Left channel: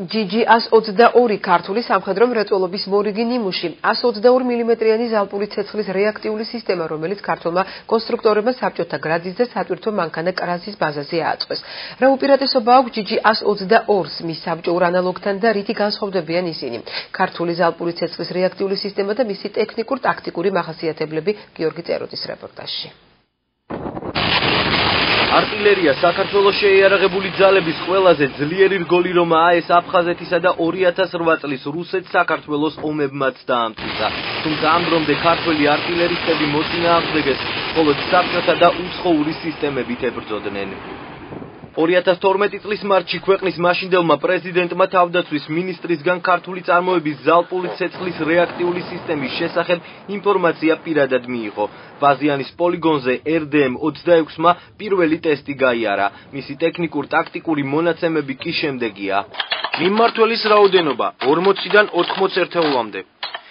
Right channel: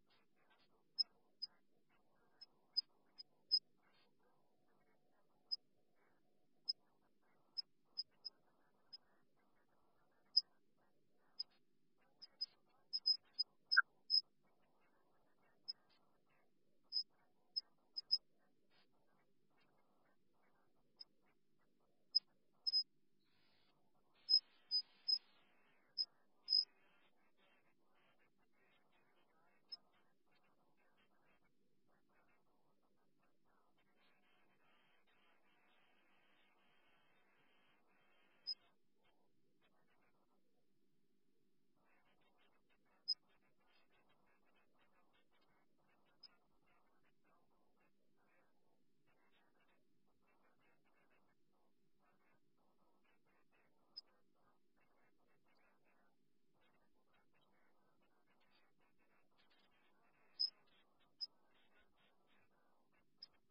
GG-122 ქართული სამხედრო მრეწველობის მორიგი ნიმუში 122 მმ-იანი ზალპური ცეცხლის რეაქტიული სისტემა, რომელიც ქართულმა კონსტრუქტორებმა საბჭოთა გრადის და სატვირთო მანქანა კრაზის ბაზაზე ააწყვეს. რა უპირატესობა აქვს GG-122-ს მის საბჭოურ ანალოგთან და რითი განსხვავდებიან ისინი? ქართული ზალპური ცეცხლის რეაქტიული სისტემა და მისი ტექნიკურ-ტაქტიკური მახასიათებლები გიორგი წეროძის რეპორტაჟში. არტილერია საქართველოს შეიარაღებული ძალების ყველაზე ძლიერი რგოლი რომაა ეს აფხაზეთისა და 2008 წლის რუსეთ-საქართველოს ომებმაც დაამტკიცა. თუმცა ამ დრომდე ქართველი არტილერისტები მოწინააღმდეგეს, მხოლოდ საბჭოთა და უცხოური სისტემებით ებრძოდნენ. 2012 წლის მარტში ქვეყნის მაშინდელმა პრეზიდენტმა თავდაცვის მინისტრისგან ქართული წარმოების ზალპური ცეცხლის რეაქტიული სისტემის შესახებ ინფორმაცია პირადად მიიღო. ბაზიანის პოლიგონზე RDM-26-მა პირველი ტესტი გაიარა. მისი ტექნიკურ-ტაქტიკური მონაცემები კი შემდეგია. მიმმართველის რაოდენობა 40-დან 80 ერთეულამდე.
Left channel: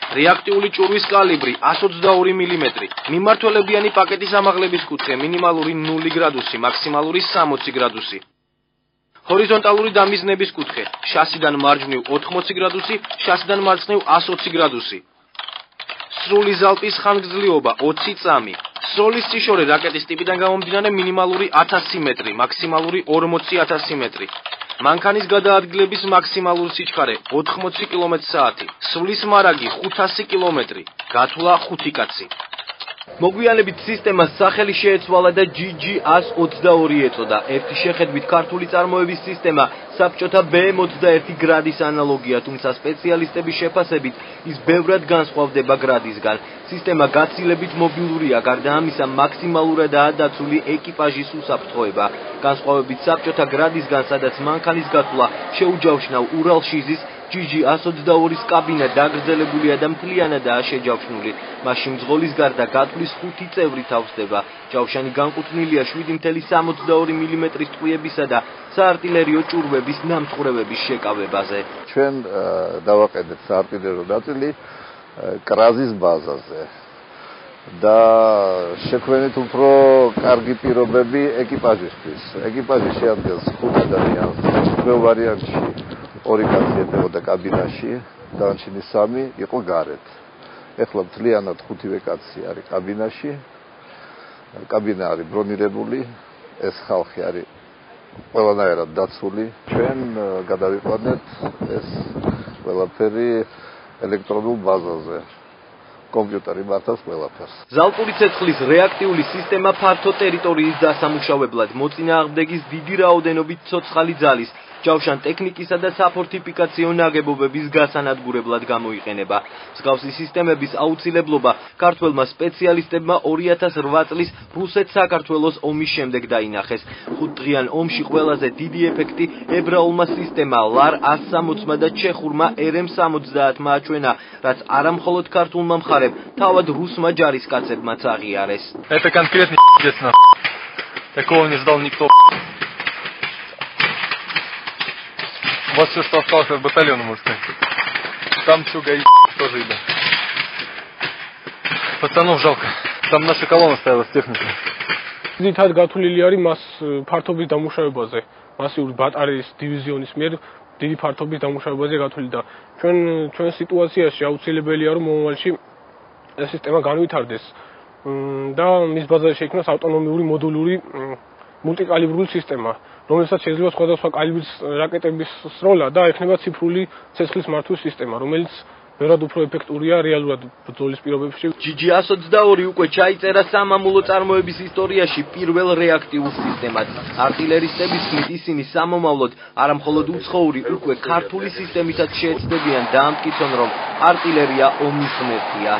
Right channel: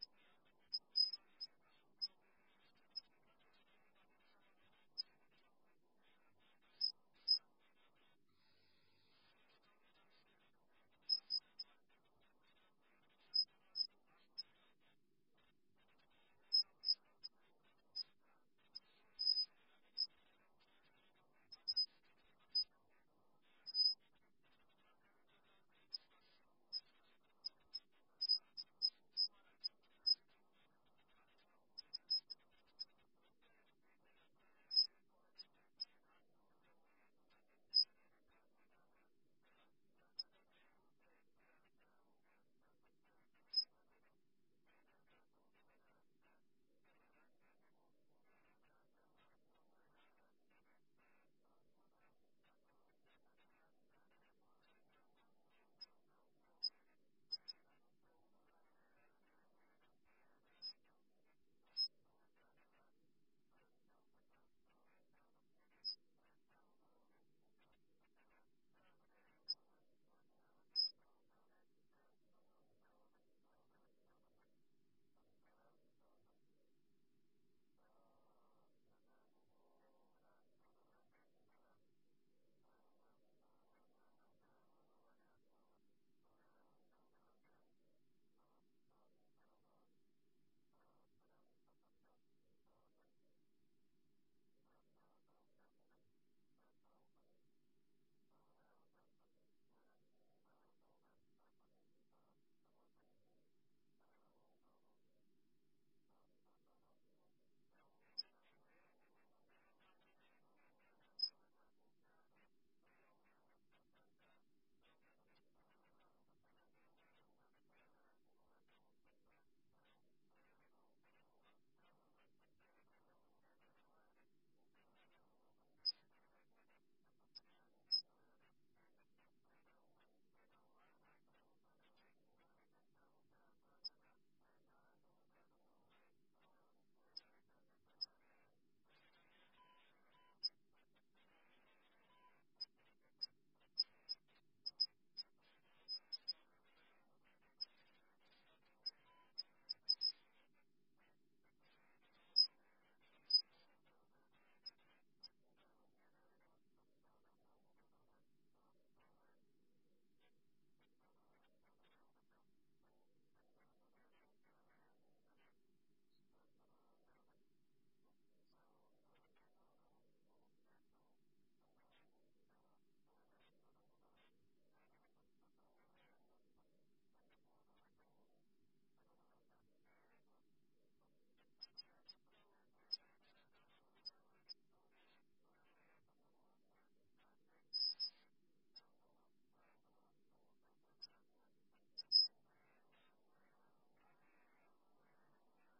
რეაქტიული ჭურვის კალიბრი 122 მმ. მიმმართველებიანი პაკეტის ამაღლების კუთხე მინიმალური 0 გრადუსი, მაქსიმალური 60 გრადუსი. ჰორიზონტალური დამიზნების კუთხე შასიდან მარჯვნივ 80 გრადუსი, შასიდან მარცხნივ 120 გრადუსი. სრული ზალპის ხანგრძლივობა 20 წამი. სროლის სიშორე რაკეტის ტიპიდან გამომდინარე მინიმალური 1000 მეტრი, მაქსიმალური 40000 მეტრი. მანქანის გადაადგილების მაქსიმალური სიჩქარე 80 კმ/სთ. სრულის მარაგი 500 კმ. გათვლა 5 კაცი. მოგვიანებით სისტემას სახელი შეეცვალა და GG-122 ეწოდა. ერთი შეხედვით ქართული წარმოების სისტემა საბჭოთა BM-21 გრადის ანალოგია, თუმცა სპეციალისტების შეფასებით ის ბევრად განსხვავდება გრადისგან. სისტემა გაცილებით მობილურია, გარდა ამისა მაქსიმალურადაა დაცული ეკიპაჟის უსაფრთხოება. განსხვავებით საბჭოთა გრადისგან, სადაც მანქანის გათვლა შეუჯავშნავ ურალშიზის, GG-122-ის კაბინა დაგრძელებულია და მთლიანადაა შეჯავშნული. მაშინ მძღოლის გარდა გათვლის 5 წევრი თავსდება. ჯავშანი განკუთვნილია 7.62 მმ-ის ტყვიებისა და საარტილერიო ჭურვების ნამტყვრევების შეკავებაზე. ჩვენ დავაყენეთ საარტილერიო ნაწილი კრაზის ბაზაზე და შექმნით უფრო კარგი პირობები ეკიპაჟისთვის. ეკიპაჟი შეადგენს 5 ადამიანს, პირველ ვარიანტში 2 კაცი ედებოდა კაბინაში, დანარჩენი 3 იყო გარეთ. ეხლა მთლიანად 5 კაცი არის კაბინაში. კაბინა არის ბრონირებული, ეს ხალხი არის ყველანაირად დაცული. ჩვენ გადავიყვანეთ ეს ყველაფერი ელექტრონულ ბაზაზე. კომპიუტერი მართავს ყველაფერს. ზალპური ცეცხლის რეაქტიული სისტემა ფართო ტერიტორიის დასამუშავებლად მოწინააღმდეგის დიდი რაოდენობით ცოცხალი ძალის, ჯავშან ტექნიკისა და საფორტიფიკაციო ნაგებობების გასანადგურებლად გამოიყენება. მსგავსი სისტემების აუცილებლობა ქართველმა სპეციალისტებმა 2008 წლის რუსეთ-საქართველოს ომის შემდეგ დაინახეს. 5 დღიან ომში ყველაზე დიდი ეფექტი ებრაულმა სისტემა LAR-160-მა და ჩეხურმა RM-70-მა აჩვენა, რაც არა მხოლოდ ქართულმა მხარემ, თავად რუსმა ჯარისკაცებმაც აღიარეს. Это конкретный п***ц. Такого не ждал никто. Вот все, что осталось от батальона, можно сказать. Там все гаи тоже еда. Пацанов жалко. Там наша колонна стояла с техникой. ძირითადად გათვლილი არის მას ფართობის დამუშავებაზე. მასიური ბატარეის დივიზიონის მიერ დიდი ფართობის დამუშავებაზე გათვლილი და ჩვენ სიტუაციაში აუცილებელია რომ მომავალში ეს სისტემა განვითარდეს და მის ბაზაზე შეიქმნას ავტონომიური მოდულური მულტიკალიბრული სისტემა, რომელსაც შეიძლება სხვადასხვა კალიბრის რაკეტების სროლა და ექნება ციფრული ცეცხლის მართვის სისტემა, რომელიც ბევრად უფრო ეფექტურია რეალურად ბრძოლის პირობებში. GG-122 უკვე ჩაიწერა სამამულო წარმოების ისტორიაში პირველ რეაქტიულ სისტემად. არტილერისტების თქმით, ისინი სამომავლოდ არა მხოლოდ უცხოური, უკვე ქართული სისტემითაც შეეცდებიან დაამტკიცონ, რომ არტილერია ომის ღმერთია.